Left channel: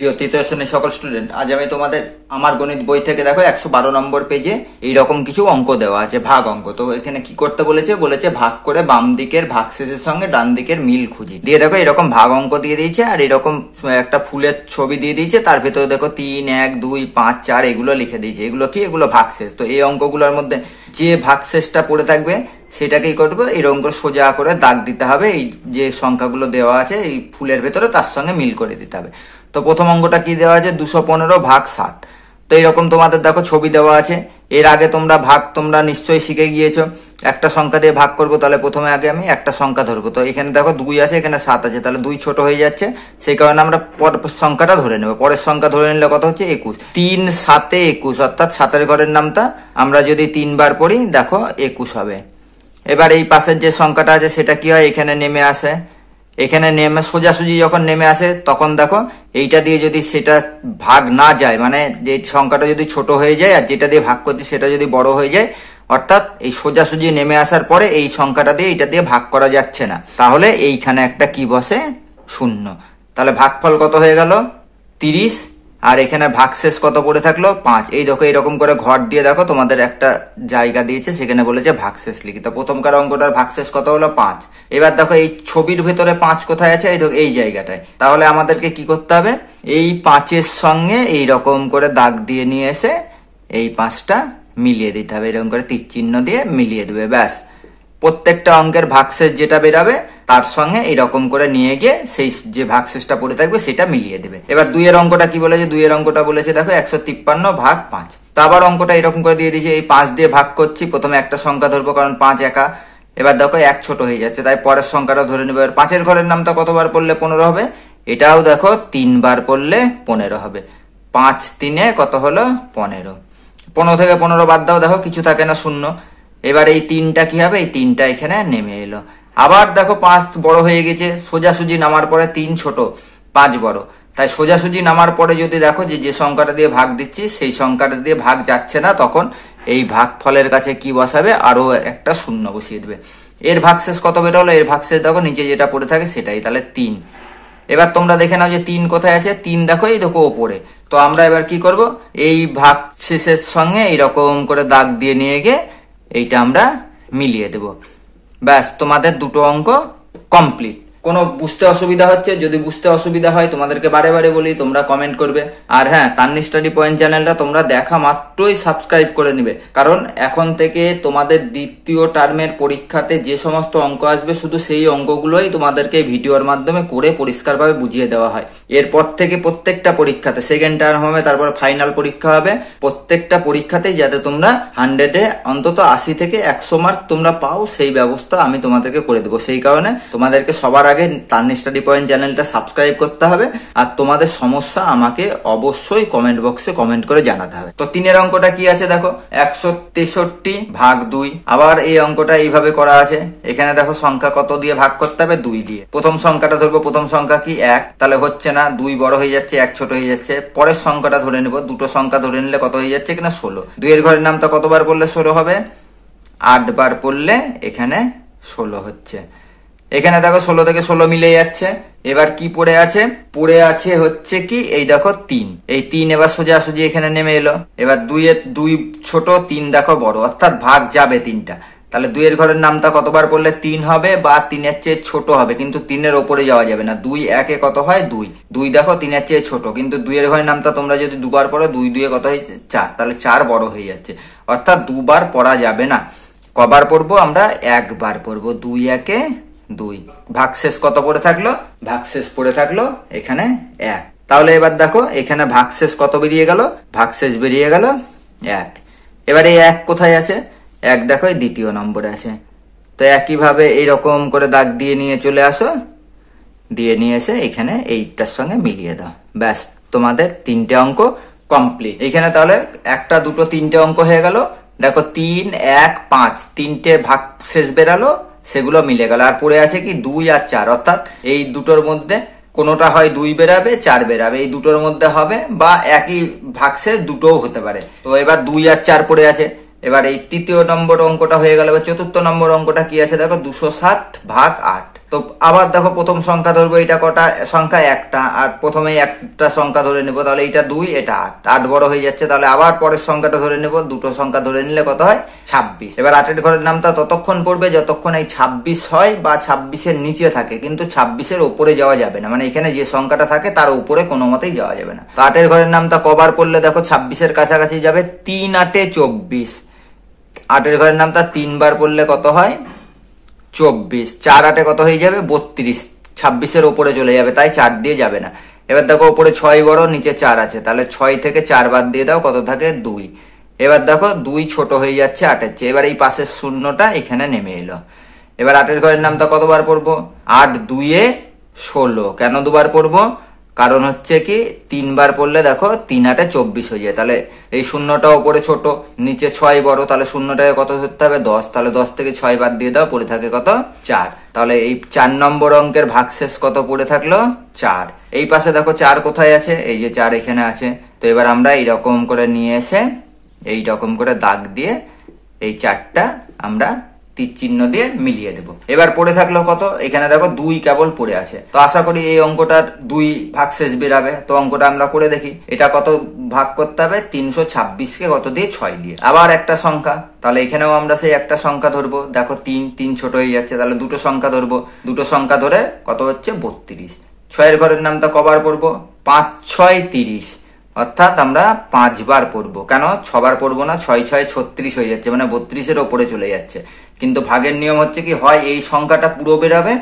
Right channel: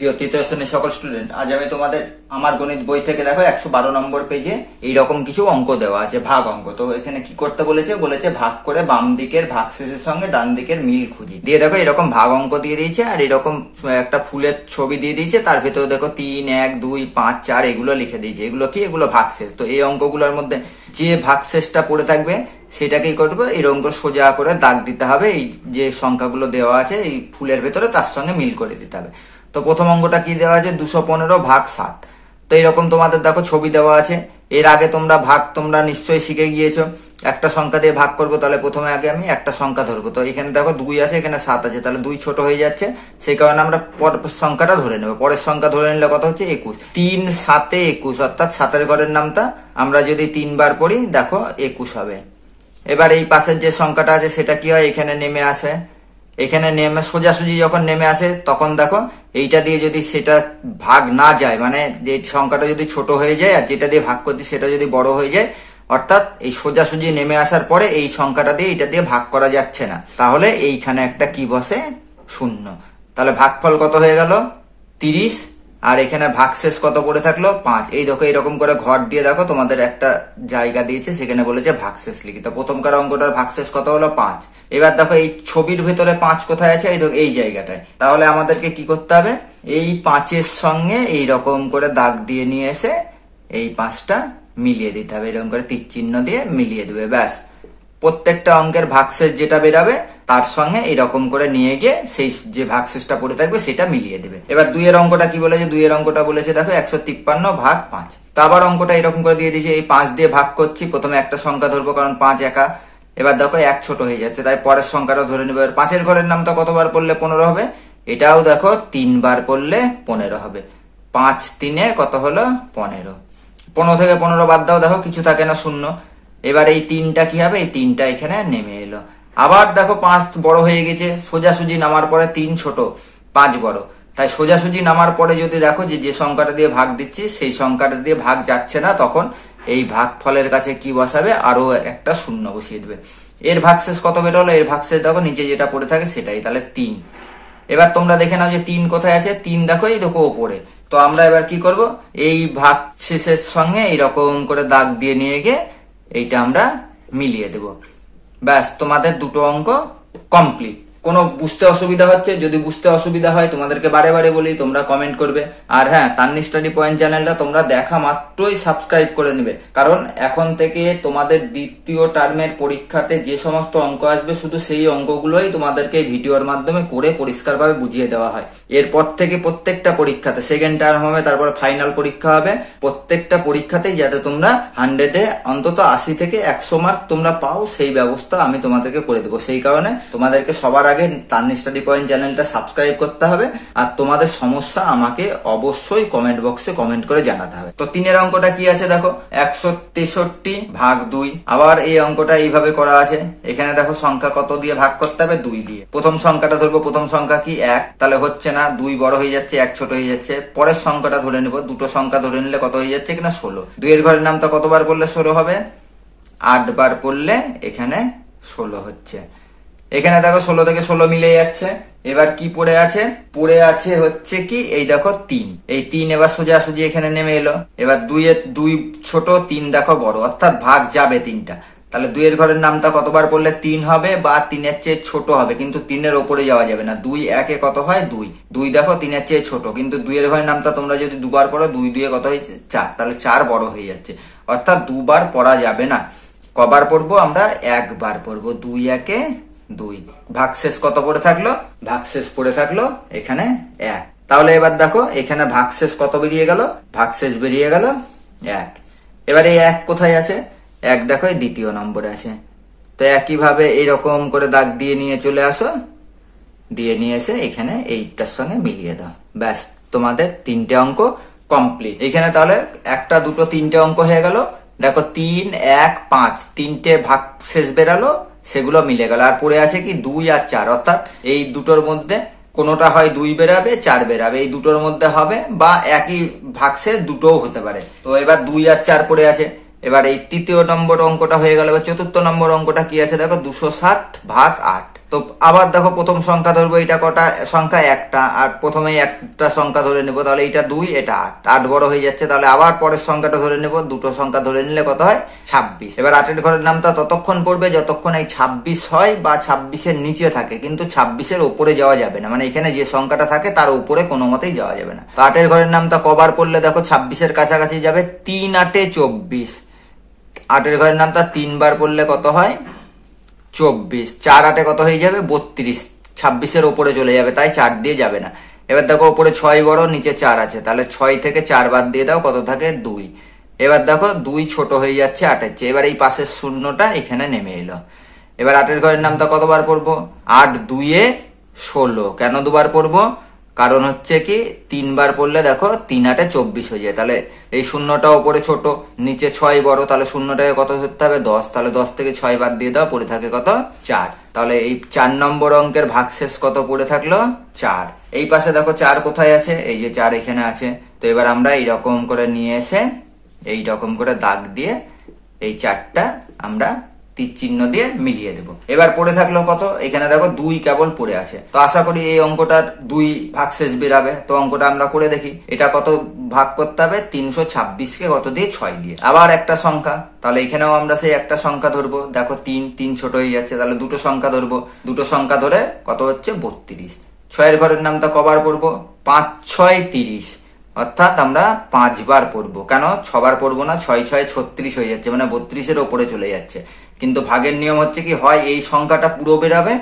প্রিয় তৃতীয় শ্রেণীর সকল স্টুডেন্ট, আজ আমি তোমাদের আমার গণিত বই থেকে দেখো 112 নম্বর পেজে এইরকম কিছু অঙ্ক দেওয়া আছে, ভাগ অঙ্ক। তো এখানে কি করতে বলেছে ভাগ করে বাম দিকের ভাগশেষের সঙ্গে ডান দিকের মিল খুঁজি দিয়ে দেখো এরকম ভাগ অঙ্ক দিয়ে দিয়েছে, আর এরকম একটা ফুলের ছবি দিয়ে দিয়েছে, তার ভেতরে দেখো 3, 1, 2, 5, 4 এগুলো লিখে দিয়েছে। এগুলো কি? এগুলো ভাগশেষ। তো এই অঙ্কগুলোর মধ্যে যে ভাগশেষটা পড়ে থাকবে সেটাকেই করবো এরকম করে সোজা করে দাগ দিতে হবে। এই যে সংখ্যাগুলো দেওয়া আছে এই ফুলের ভেতরে তার সঙ্গে মিল করে দিতে হবে। তো প্রথম অঙ্কটা কি দেওয়া আছে? 215 ভাগ 7। তো এরকম তোমাদের দেখো ছবি দেওয়া আছে। এর আগে তোমরা নিশ্চয়ই শিখে গিয়েছো। একটা সংখ্যা দিয়ে ভাগ করবো, তাহলে প্রথমে আগে আমি একটা সংখ্যা ধরবো। তো এখানে দেখো 2 আছে, এখানে 7 আছে, তাহলে 2 ছোট হয়ে যাচ্ছে, সেই কারণে আমরা পরের সংখ্যাটা ধরে নেবো। পরের সংখ্যা ধরে নিলে কত হচ্ছে? 21। 3 7 21, অর্থাৎ 7 ঘরের নামটা আমরা যদি 3 বার পড়ি দেখো 21 হবে। এবার এই পাশের যে সংখ্যাটা আছে সেটা কি হয়? এখানে নেমে আসে। এখানে নেমে সোজাসুজি যখন নেমে আসে তখন দেখো এইটা দিয়ে যদি সেটা ভাগ না যায়, মানে যে সংখ্যাটা যদি ছোট হয়ে যায় আর যেটা দিয়ে ভাগ করছি সেটা যদি বড় হয়ে যায়, অর্থাৎ এই সোজাসুজি নেমে আসার পরে এই সংখ্যাটা দিয়ে এটা দিয়ে ভাগ করা যাচ্ছে না, তাহলে এইখানে একটা কি বসে? 0। তাহলে ভাগফল কত হয়ে গেল? 30। আর এখানে ভাগশেষ কত পড়ে থাকলো? 5। এই দেখো এরকম করে ঘর দিয়ে দেখো তোমাদের একটা জায়গা দিয়েছে, সেখানে বলেছে ভাগশেষ লিখি। তো প্রথমকার অঙ্কটার ভাগশেষ কত হলো? 5। এবার দেখো এই ছবির ভেতরে 5 কোথায় আছে? এই জায়গাটায়। তাহলে আমাদেরকে কি করতে হবে? এই 5-এর সঙ্গে এইরকম করে দাগ দিয়ে নিয়ে এসে এই 5টা মিলিয়ে দিতে হবে। এরকম করে তীর চিহ্ন দিয়ে মিলিয়ে দেবে, ব্যাস। প্রত্যেকটা অঙ্কের ভাগশেষ যেটা বেরাবে তার সঙ্গে এরকম করে নিয়ে গিয়ে সেই যে ভাগশেষটা পড়ে থাকবে সেটা মিলিয়ে দেবে। এবার 2 এর অঙ্কটা কি বলেছে? 2 এর অঙ্কটা বলেছে দেখো 153 ভাগ 5। তো আবার অঙ্কটা এরকম করে দিয়ে দিয়েছে, এই 5 দিয়ে ভাগ করছি, প্রথমে একটা সংখ্যা ধরবো কারণ 5 একা। এবার দেখো 1 ছোট হয়ে যাচ্ছে, তাই পরের সংখ্যাটা ধরে নেবো। 5-এর ঘরের নামটা কতবার পড়লে 15 হবে? এটাও দেখো 3 বার পড়লে 15 হবে। 5 3 কত হলো? 15। 15 থেকে 15 বাদ দাও, দেখো কিছু থাকে না, 0। এবার এই 3টা কি হবে? এই 3টা এখানে নেমে এলো। আবার দেখো 5 বড় হয়ে গেছে, সোজাসুজি নামার পরে 3 ছোট 5 বড়, তাই সোজাসুজি নামার পরে যদি দেখো যে সংখ্যাটা দিয়ে ভাগ দিচ্ছি সেই সংখ্যাটা দিয়ে ভাগ যাচ্ছে না, তখন এই ভাগ ফলের কাছে কি বসাবে? আরো একটা 0 বসিয়ে দেবে। এর ভাগশেষ কত বেরোলো? এর ভাগশেষ দেখো নিচে যেটা পড়ে থাকে সেটাই, তাহলে 3। এবার তোমরা দেখে নাও যে 3 কোথায় আছে? 3 দেখো এই দেখো ওপরে। তো আমরা এবার কি করব? এই ভাগশেষের সঙ্গে এইরকম করে দাগ দিয়ে নিয়ে গিয়ে এইটা আমরা মিলিয়ে দেব, ব্যাস। তোমাদের দুটো অঙ্ক কমপ্লিট। কোনো বুঝতে অসুবিধা হচ্ছে? যদি বুঝতে অসুবিধা হয় তোমাদেরকে বারে বারে বলি, তোমরা কমেন্ট করবে। আর হ্যাঁ, তান্নি স্টাডি পয়েন্ট চ্যানেলটা তোমরা দেখা মাত্রই সাবস্ক্রাইব করে নিবে, কারণ এখন থেকে তোমাদের দ্বিতীয় টার্মের পরীক্ষাতে যে সমস্ত অঙ্ক আসবে শুধু সেই অঙ্কগুলোই তোমাদেরকে ভিডিওর মাধ্যমে করে পরিষ্কারভাবে বুঝিয়ে দেওয়া হয়। এরপর থেকে প্রত্যেকটা পরীক্ষাতে, সেকেন্ড টার্ম হবে, তারপর ফাইনাল পরীক্ষা হবে, প্রত্যেকটা পরীক্ষাতেই যাতে তোমরা 100-এ অন্তত 80 থেকে 100 মার্ক তোমরা পাও সেই ব্যবস্থা আমি তোমাদেরকে করে দেবো। সেই কারণে তোমাদেরকে সবার আগে তান্নি স্টাডি পয়েন্ট চ্যানেলটা সাবস্ক্রাইব করতে হবে, আর তোমাদের সমস্যা আমাকে অবশ্যই কমেন্ট বক্সে কমেন্ট করে জানাতে হবে। তো 3-এর অঙ্কটা কি আছে দেখো? 163 ভাগ 2। আবার এই অঙ্কটা এইভাবে করা আছে। এখানে দেখো সংখ্যা কত দিয়ে ভাগ করতে হবে? 2 দিয়ে। প্রথম সংখ্যাটা ধরবো, প্রথম সংখ্যা কি? 1। তাহলে হচ্ছে না, 2 বড় হয়ে যাচ্ছে, 1 ছোট হয়ে যাচ্ছে। পরের সংখ্যাটা ধরে নেবো, দুটো সংখ্যা ধরে নিলে কত হয়ে যাচ্ছে কিনা? 16। 2 এর ঘরের নামটা কতবার পড়লে 16 হবে? 8 বার পড়লে এখানে 16 হচ্ছে। এখানে দেখো 16 থেকে 16 মিলে যাচ্ছে। এবার কি পড়ে আছে? পড়ে আছে হচ্ছে কি এই দেখো 3। এই 3 এবার সোজাসুজি এখানে নেমে এলো। এবার 2 ছোট, 3 দেখো বড়, অর্থাৎ ভাগ যাবে 3টা। তাহলে 2 এর ঘরের নামটা কতবার পড়লে 3 হবে, বা 3-এর চেয়ে ছোট হবে, কিন্তু 3-এর ওপরে যাওয়া যাবে না। 2 1-এ কত হয়? 2। 2 দেখো 3-এর চেয়ে ছোট, কিন্তু 2 এর ঘরের নামটা তোমরা যদি দুবার পড়ো, 2 2 কত হয়? 4। তাহলে 4 বড় হয়ে যাচ্ছে, অর্থাৎ দুবার পড়া যাবে না। কবার পড়বো আমরা? একবার পড়বো। 2 1-এ 2। ভাগশেষ কত পড়ে থাকলো? ভাগশেষ পড়ে থাকলো এখানে 1। তাহলে এবার দেখো এখানে ভাগশেষ কত বেরিয়ে গেল? ভাগশেষ বেরিয়ে গেল 1। এবারে 1 কোথায় আছে? 1 দেখো এই দ্বিতীয় নম্বরে আছে। তো একইভাবে এইরকম করে দাগ দিয়ে নিয়ে চলে আসো, দিয়ে নিয়ে এসে এখানে এইটার সঙ্গে মিলিয়ে দাও, ব্যাস। তোমাদের 3টে অঙ্ক কমপ্লিট। এখানে তাহলে 1 2 3টে অঙ্ক হয়ে গেল। দেখো 3 1 5 3টে ভাগশেষ বেরালো, সেগুলো মিলে গেল। আর পড়ে আছে কি? 2 আর 4, অর্থাৎ এই দুটোর মধ্যে কোনোটা হয় 2 বেরাবে, 4 বেরাবে, এই দুটোর মধ্যে হবে, বা একই ভাগশেষ দুটোও হতে পারে। তো এবার 2 আর 4 পড়ে আছে। এবার এই তৃতীয় নম্বর অঙ্কটা হয়ে গেল। এবার চতুর্থ নম্বর অঙ্কটা কি আছে দেখো? 260 ভাগ 8। তো আবার দেখো প্রথম সংখ্যা ধরবো, এটা কটা সংখ্যা? একটা। আর প্রথমে একটা সংখ্যা ধরে নেবো, তাহলে এটা 2, এটা 8, 8 বড় হয়ে যাচ্ছে। তাহলে আবার পরের সংখ্যাটা ধরে নেবো, দুটো সংখ্যা ধরে নিলে কত হয়? 26। এবার 8 ঘরের নামটা ততক্ষণ পড়বে যতক্ষণ এই 26 হয় বা 26-এর নিচে থাকে, কিন্তু 26-এর উপরে যাওয়া যাবে না। মানে এখানে যে সংখ্যাটা থাকে তার উপরে কোনো মতেই যাওয়া যাবে না। তো 8 ঘরের নামটা কবার পড়লে দেখো 26-এর কাছাকাছি যাবে? 3 8 24। 8 ঘরের নামটা 3 বার পড়লে কত হয়? 24। 4 8 কত হয়ে যাবে? 32। 26-এর উপরে চলে যাবে, তাই 4 দিয়ে যাবে না। এবার দেখো উপরে 6 বড়, নিচে 4 আছে, তাহলে 6 থেকে 4 বাদ দিয়ে দাও, কত থাকে? 2। এবার দেখো 2 ছোট হয়ে যাচ্ছে 8-এর চেয়ে। এবার এই পাশের শূন্যটা এখানে নেমে এলো। এবার 8 ঘরের নামটা কতবার পড়বো? 8 2 16। কেন দুবার পড়বো? কারণ হচ্ছে কি 3 বার পড়লে দেখো 3 8 24 হয়ে যায়। তাহলে এই শূন্যটা উপরে ছোট, নিচে 6 বড়, তাহলে শূন্যটাকে কত ধরতে হবে? 10। তাহলে 10 থেকে 6 বাদ দিয়ে দাও, পড়ে থাকে কত? 4। তাহলে এই 4 নম্বর অঙ্কের ভাগশেষ কত পড়ে থাকলো? 4। এই পাশে দেখো 4 কোথায় আছে? এই যে 4 এখানে আছে। তো এবার আমরা এইরকম করে নিয়ে এসে এইরকম করে দাগ দিয়ে এই 4টা আমরা তীর চিহ্ন দিয়ে মিলিয়ে দেবো। এবার পড়ে থাকলো কত? এখানে দেখো 2 কেবল পড়ে আছে। তো আশা করি এই অঙ্কটার 2 ভাগশেষ বেরাবে। তো অঙ্কটা আমরা করে দেখি। এটা কত ভাগ করতে হবে? 326-কে কত দিয়ে? 6 দিয়ে। আবার একটা সংখ্যা, তাহলে এখানেও আমরা সেই একটা সংখ্যা ধরবো। দেখো 3 ছোট হয়ে যাচ্ছে, তাহলে দুটো সংখ্যা ধরবো। দুটো সংখ্যা ধরে কত হচ্ছে? 32। 6 ঘরের নামটা কবার পড়বো? 5 6 30। অর্থাৎ আমরা 5 বার পড়বো। কেন 6 বার পড়বো না? 6 6 36 হয়ে যাচ্ছে, মানে 32-এর ওপরে চলে যাচ্ছে। কিন্তু ভাগের নিয়ম হচ্ছে কি, হয় এই সংখ্যাটা পুরো বেরাবে,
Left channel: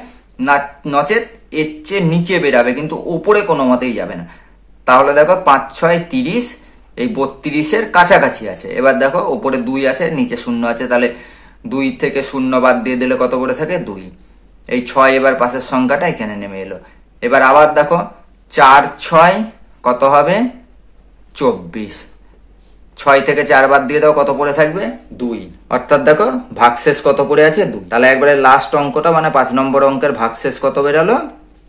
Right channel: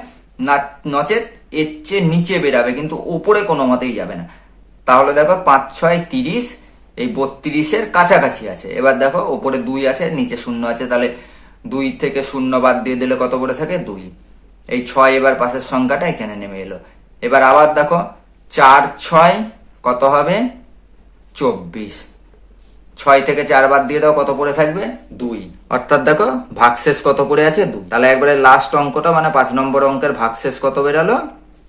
না নচেত এর চেয়ে নিচে বেরাবে, কিন্তু উপরে কোনো মতেই যাবে না। তাহলে দেখো 5 6 30, এই 32-এর কাছাকাছি আছে। এবার দেখো উপরে 2 আছে, নিচে 0 আছে, তাহলে 2 থেকে 0 বাদ দিয়ে দিলে কত পড়ে থাকে? 2। এই 6 এবার পাশের সংখ্যাটা এখানে নেমে এলো। এবার আবার দেখো 4 6 কত হবে? 24। 6 থেকে 4 বাদ দিয়ে দাও, কত পড়ে থাকবে? 2। অর্থাৎ দেখো ভাগশেষ কত পড়ে আছে? 2। তাহলে একবারে লাস্ট অঙ্কটা মানে 5 নম্বর অঙ্কের ভাগশেষ কত বেরালো?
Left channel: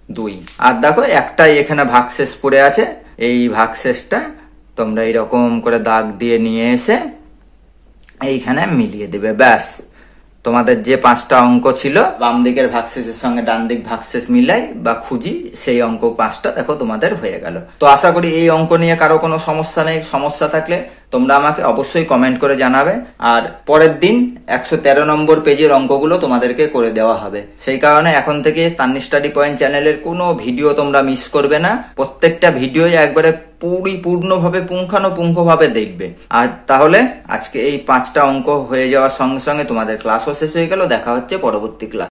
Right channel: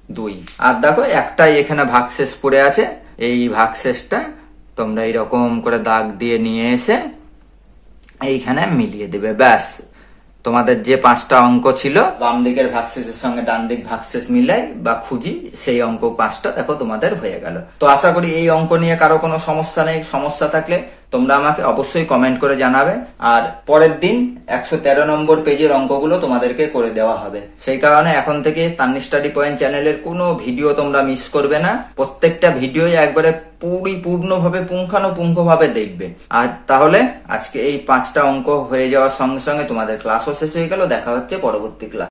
2। আর দেখো একটাই এখানে ভাগশেষ পড়ে আছে। এই ভাগশেষটা তোমরা এইরকম করে দাগ দিয়ে নিয়ে এসে এইখানে মিলিয়ে দেবে। ব্যাস, তোমাদের যে 5টা অঙ্ক ছিল বাম দিকের ভাগশেষের সঙ্গে ডান দিক ভাগশেষ মিলাই বা খুঁজি, সেই অঙ্ক 5টা দেখো তোমাদের হয়ে গেল। তো আশা করি এই অঙ্ক নিয়ে কারো কোনো সমস্যা নেই। সমস্যা থাকলে তোমরা আমাকে অবশ্যই কমেন্ট করে জানাবে। আর পরের দিন 113 নম্বর পেজের অঙ্কগুলো তোমাদেরকে করে দেওয়া হবে। সেই কারণে এখন থেকে তান্নি স্টাডি পয়েন্ট চ্যানেলের কোনো ভিডিও তোমরা মিস করবে না। প্রত্যেকটা ভিডিও একবারে পরিপূর্ণভাবে পুঙ্খানুপুঙ্খভাবে দেখবে। আর তাহলে আজকে এই 5টা অঙ্ক হয়ে যাওয়ার সঙ্গে সঙ্গে তোমাদের ক্লাসও শেষ হয়ে গেল। দেখা হচ্ছে পরবর্তী ক্লাস।